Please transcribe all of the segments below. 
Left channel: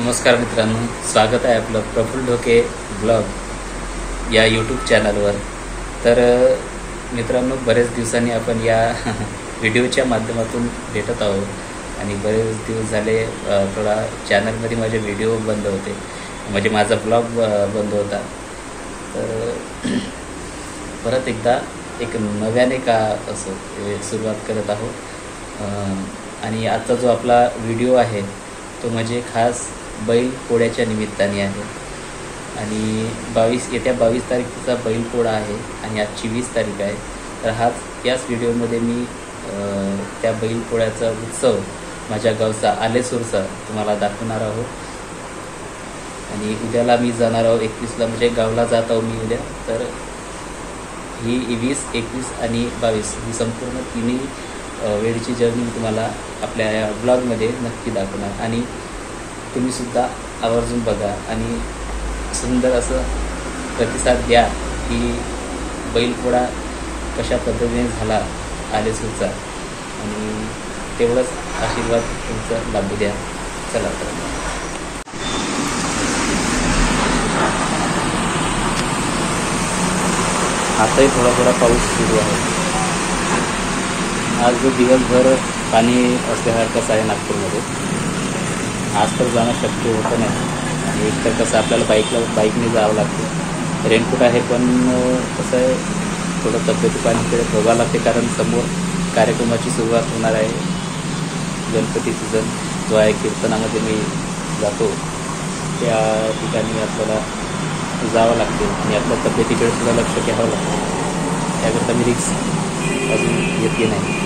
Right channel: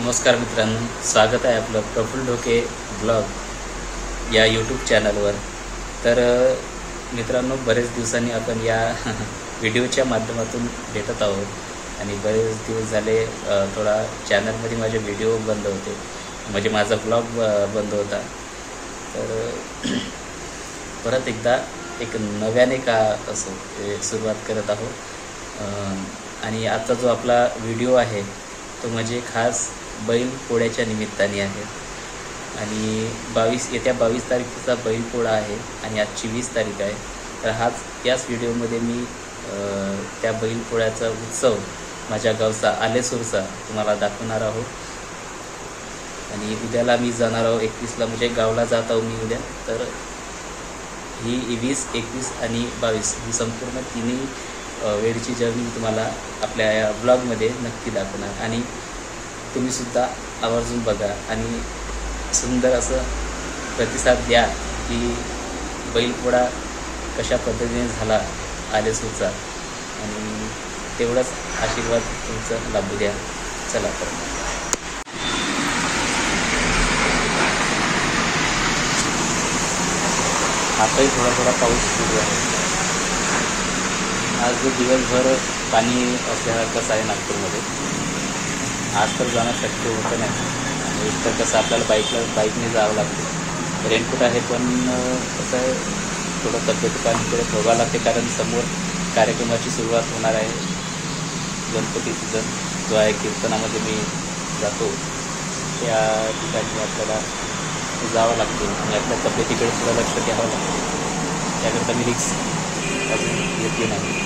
नमस्कार मित्रांनो, स्वागत आहे आपलं प्रफुल्ल ढोके ब्लॉग या यूट्यूब चॅनलवर। तर मित्रांनो, बरेच दिवसांनी आपण या व्हिडिओच्या माध्यमातून भेटत आहोत आणि बरेच दिवस झाले थोडा चॅनलमध्ये माझे व्हिडिओ बंद होते, म्हणजे माझा ब्लॉग बंद होता। तर परत एकदा एक नव्याने का असो सुरुवात करत आहोत आणि आजचा जो आपला व्हिडिओ आहे तो म्हणजे खास बैल पोळ्याच्या निमित्ताने आहे आणि येत्या 22 तारखेचा बैल पोळा आहे आणि आजची 20 तारीख आहे। तर याच व्हिडिओमध्ये मी त्या बैल पोळ्याचा उत्सव माझ्या गावचा आलेसूरचा तुम्हाला दाखवणार आहोत आणि उद्याला मी जाणार आहोत 21ला, म्हणजे गावला जात आहो मी उद्या। तर ही 20, 21 आणि 22 ही संपूर्ण तिन्ही वेळची जर्नी मी तुम्हाला आपल्या या ब्लॉगमध्ये नक्की दाखवणार आणि तुम्ही सुद्धा आवर्जून बघा आणि सुंदर असं प्रतिसाद द्या की बैलपोळा कशा पद्धतीने झाला आलेसूरचा आणि तेवढाच आशीर्वाद तुमचा लाभू द्या। चला तर आताही थोडा थोडा पाऊस सुरू आहे। आज दिवसभर पाणी असल्यासारखंच आहे नागपूरमध्ये। आज तर जाणं शक्य होतं नाही आणि एक तर कसं आपल्याला बाईकने जावं लागते। रेनकोट आहे पण कसं आहे, थोडं तब्येतीपाणीकडे बघावं लागते कारण समोर कार्यक्रमाची सुरुवात होणार आहे। गणपती सीझन जो आहे कीर्तनामध्ये मी जातो त्या ठिकाणी आपल्याला जावं लागते आणि आपल्या तब्येतीकडे सुद्धा लक्ष घ्यावं लागतं। त्याकरता मी रिक्स अजून घेतली नाही।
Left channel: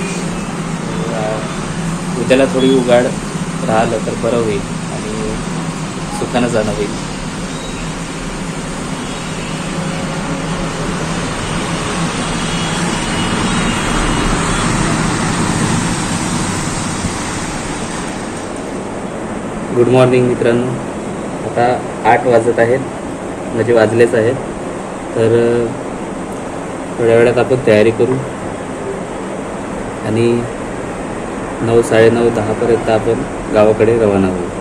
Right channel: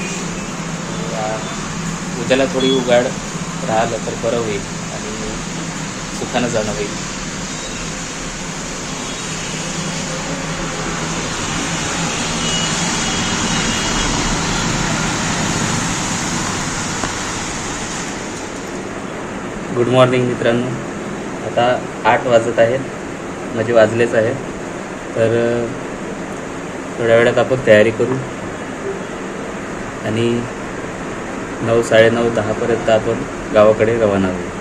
उद्याला थोडी उघाड राहिलं तर बरं होईल आणि सुखानं जाणं होईल। गुड मॉर्निंग मित्रांनो, आता 8 वाजत आहेत, म्हणजे वाजलेच आहेत। तर थोड्या वेळात आपण तयारी करू आणि 9, 9:30, 10 पर्यंत आपण गावाकडे रवाना होऊ।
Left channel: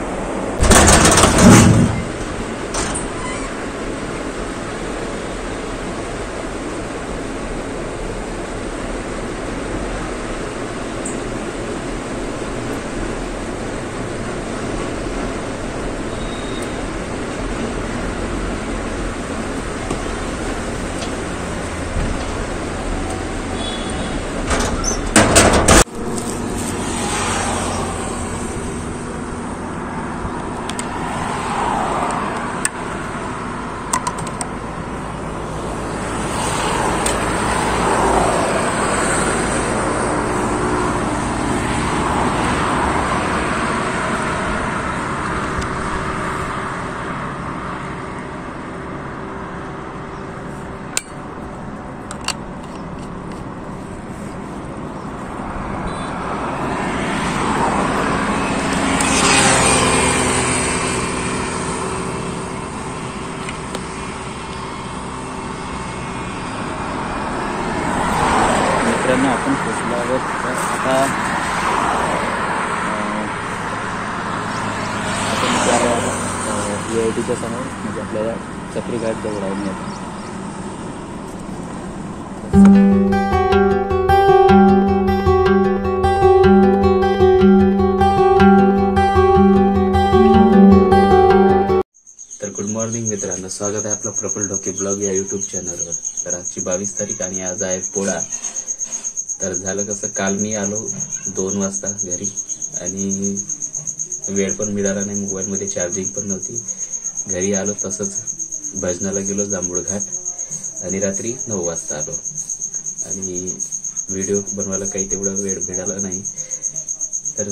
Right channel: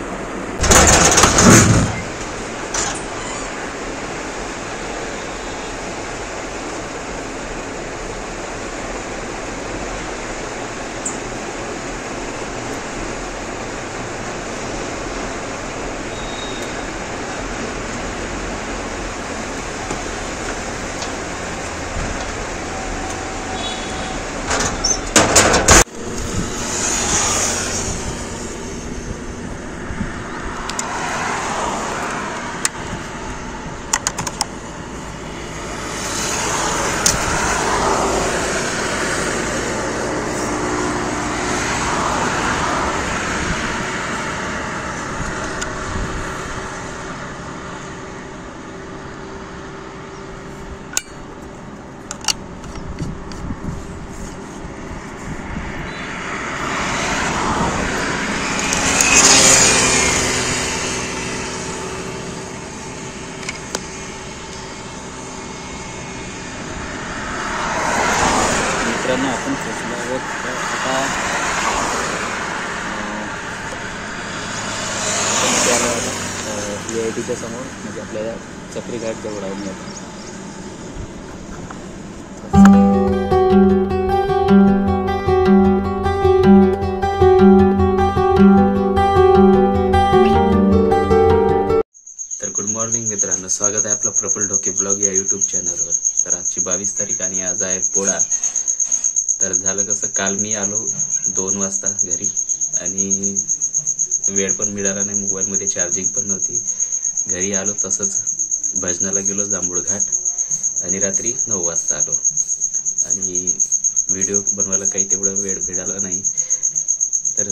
मित्रांनो, आपण पोचलो आहोत। आता आपण इथे आलो आता VITच्या समोर, म्हणजे आपल्या चक्री घाट जवळ आहो मी आता। तर गुड मॉर्निंग मित्रांनो, स्वागत आहे आपलं प्रफुल्ल ढोके ब्लॉग या यूट्यूब चॅनलवर। तर आजची 22 तारीख आणि आज आहे पोळा। तर झालं कसं, काल मी आलो 2 वाजता घरी आणि वेळ पण मिळाला नाही, मोबाईलमध्ये चार्जिंग पण नव्हती। घरी आलो तसंच भजनाला गेलो जांभूळ घाट आणि रात्री 9 वाजता आलो आणि व्हिडिओ बनवायला काही तेवढा वेळ मिळाला नाही। तर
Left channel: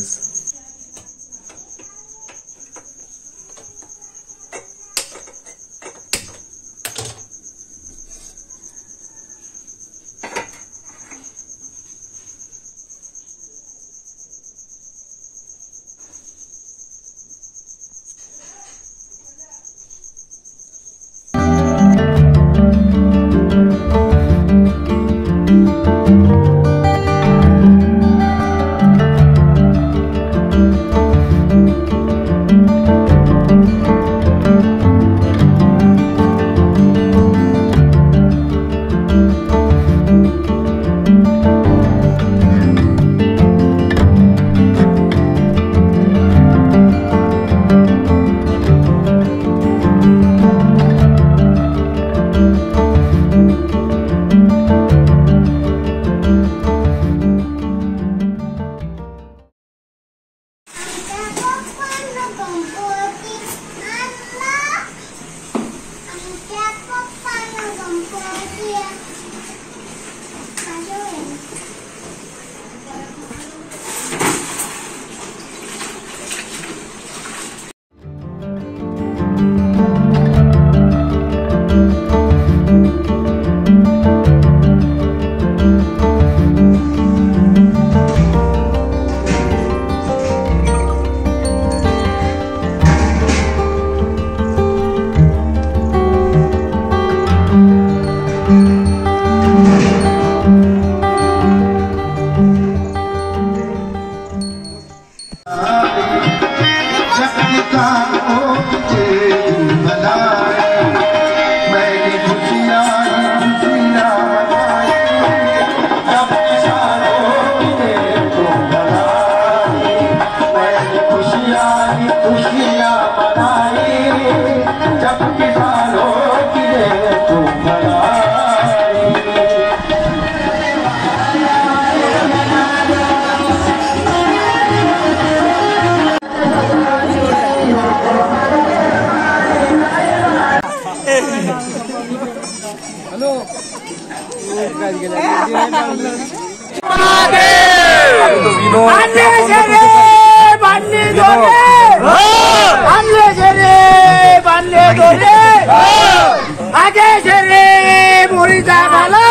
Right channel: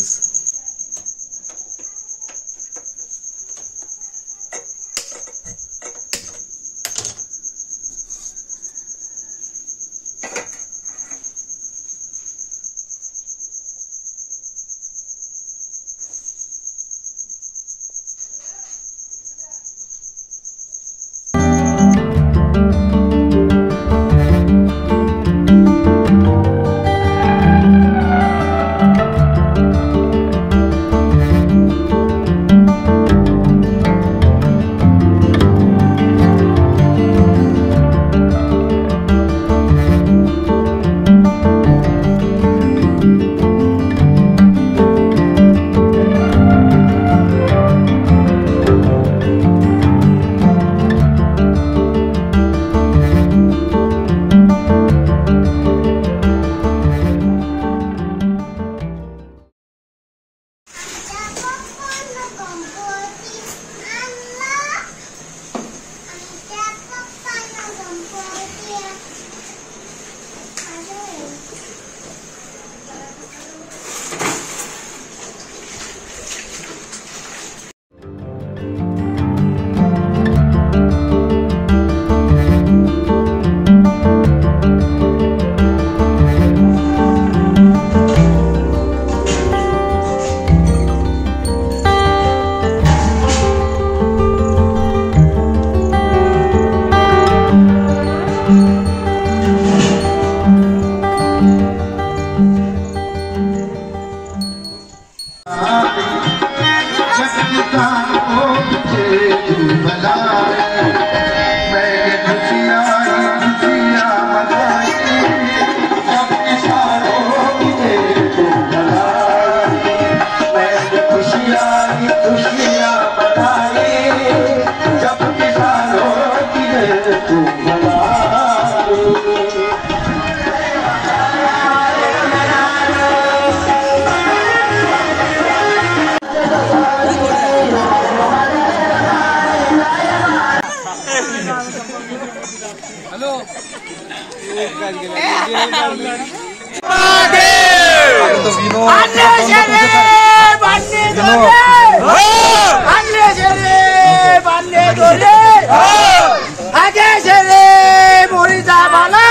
मुळीचा बाला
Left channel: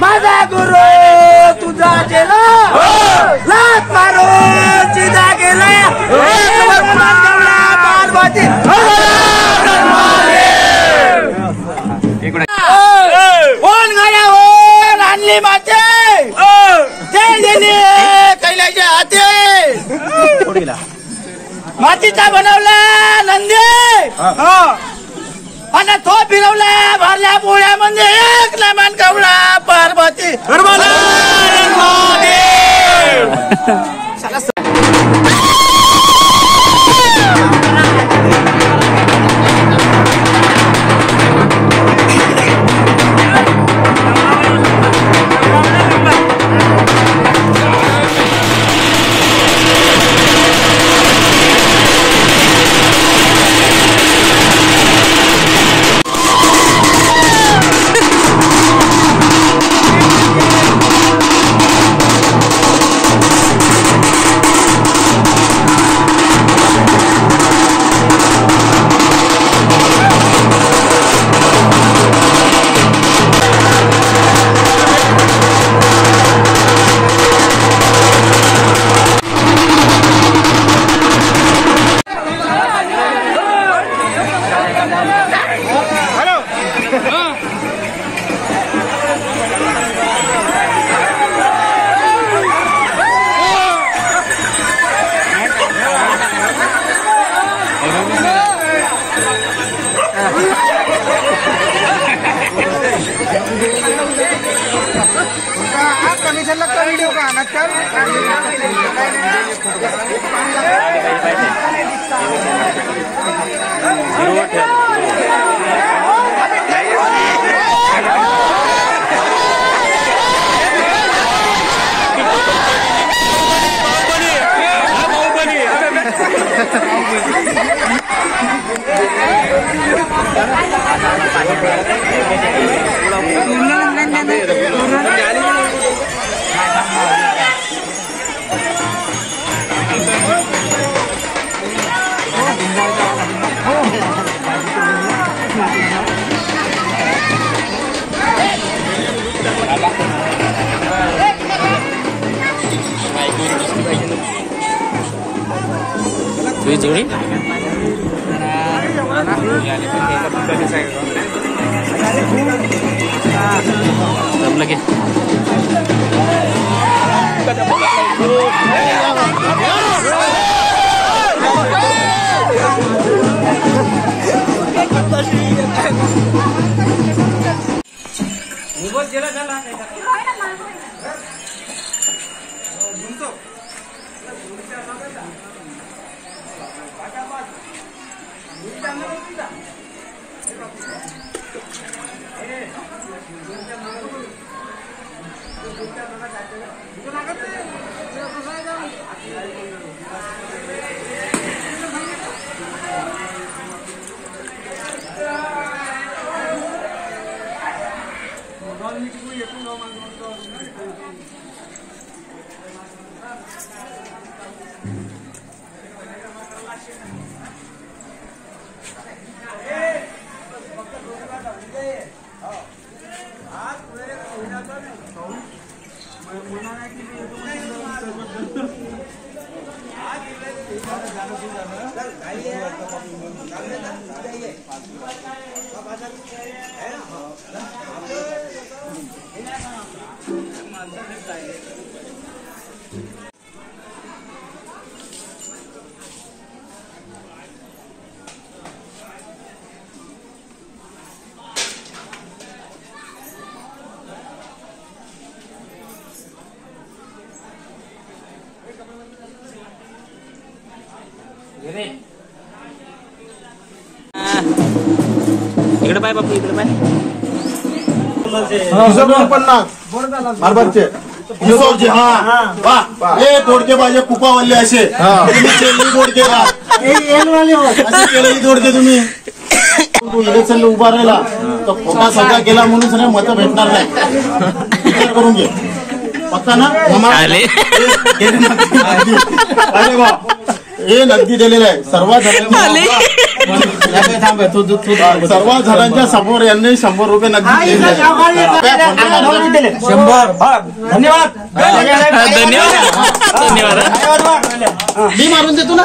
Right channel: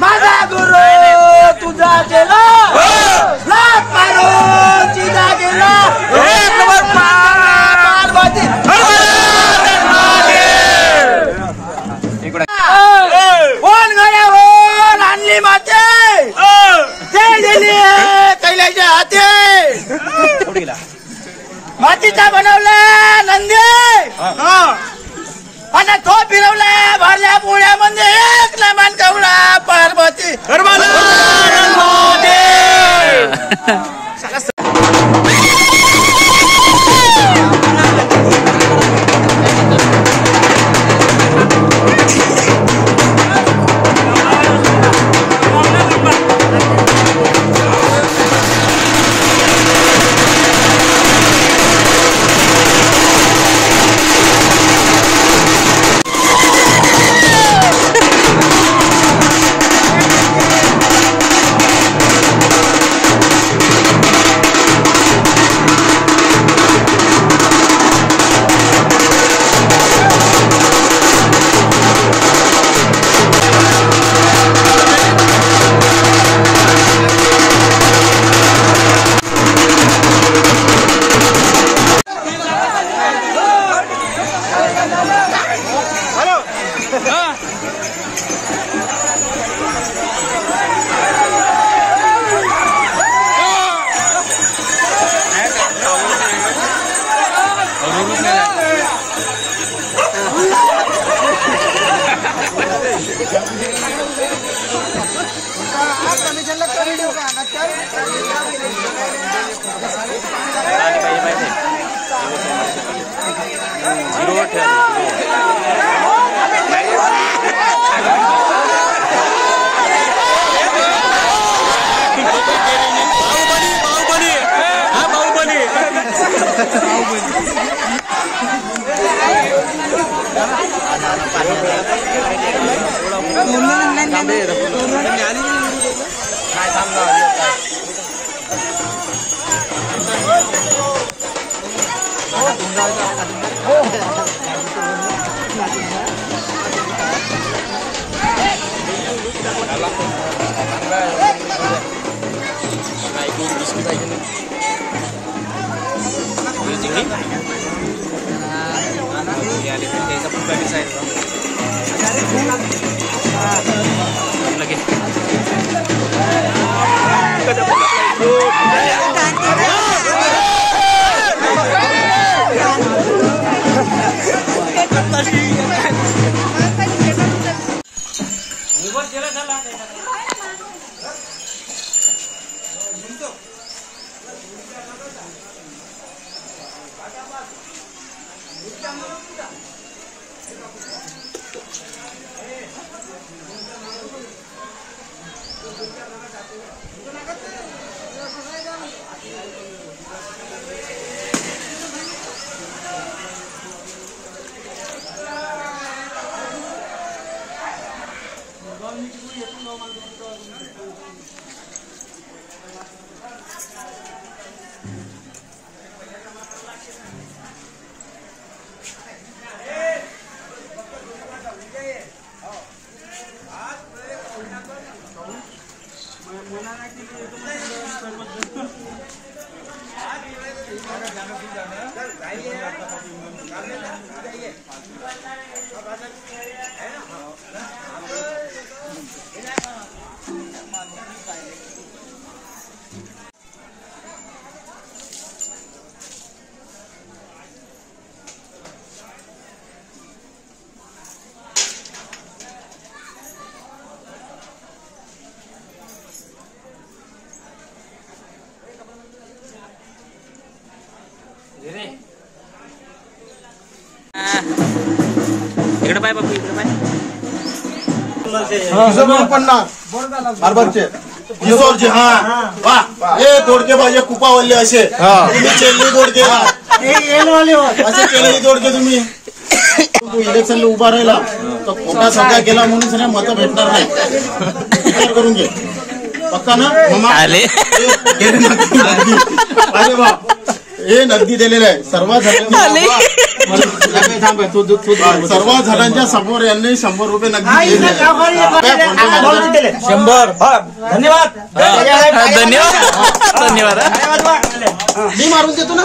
माझा गुरु तुझा चेला लात मारून चिदा गेला पार्वती कोण गड्यावर आणली माते दिली कैलाच्या हाते मातीचा बनवला नंदी आणि तो फिरवला भरल्या पोळ्यामध्ये एक लमान कवळा पार्वती कमिशन लगता वीडियो का नक्कर जीरो बाहुबली हा बाहुबली चिंगड़ी इकडे पाय बापू इकडे पाय 50 मारबारचे हे दोडके पाहिजे कुपावल्ले असे दोडके असे केलेली दोडके तुम्ही तू इलेक्शनला उभा राहिला तर खोटा सौदा केला म्हणून सगळे मतं भेटणार नाही. विचार करून घे. पक्का ना आले अरे वा, हे नगदी दिलेलं आहे सर्व जणांच्या समोर यांनी 100 रुपये नगदी दिलेले आहे. 100 धन्यवाद धन्यवाद. मी मारून देतो ना.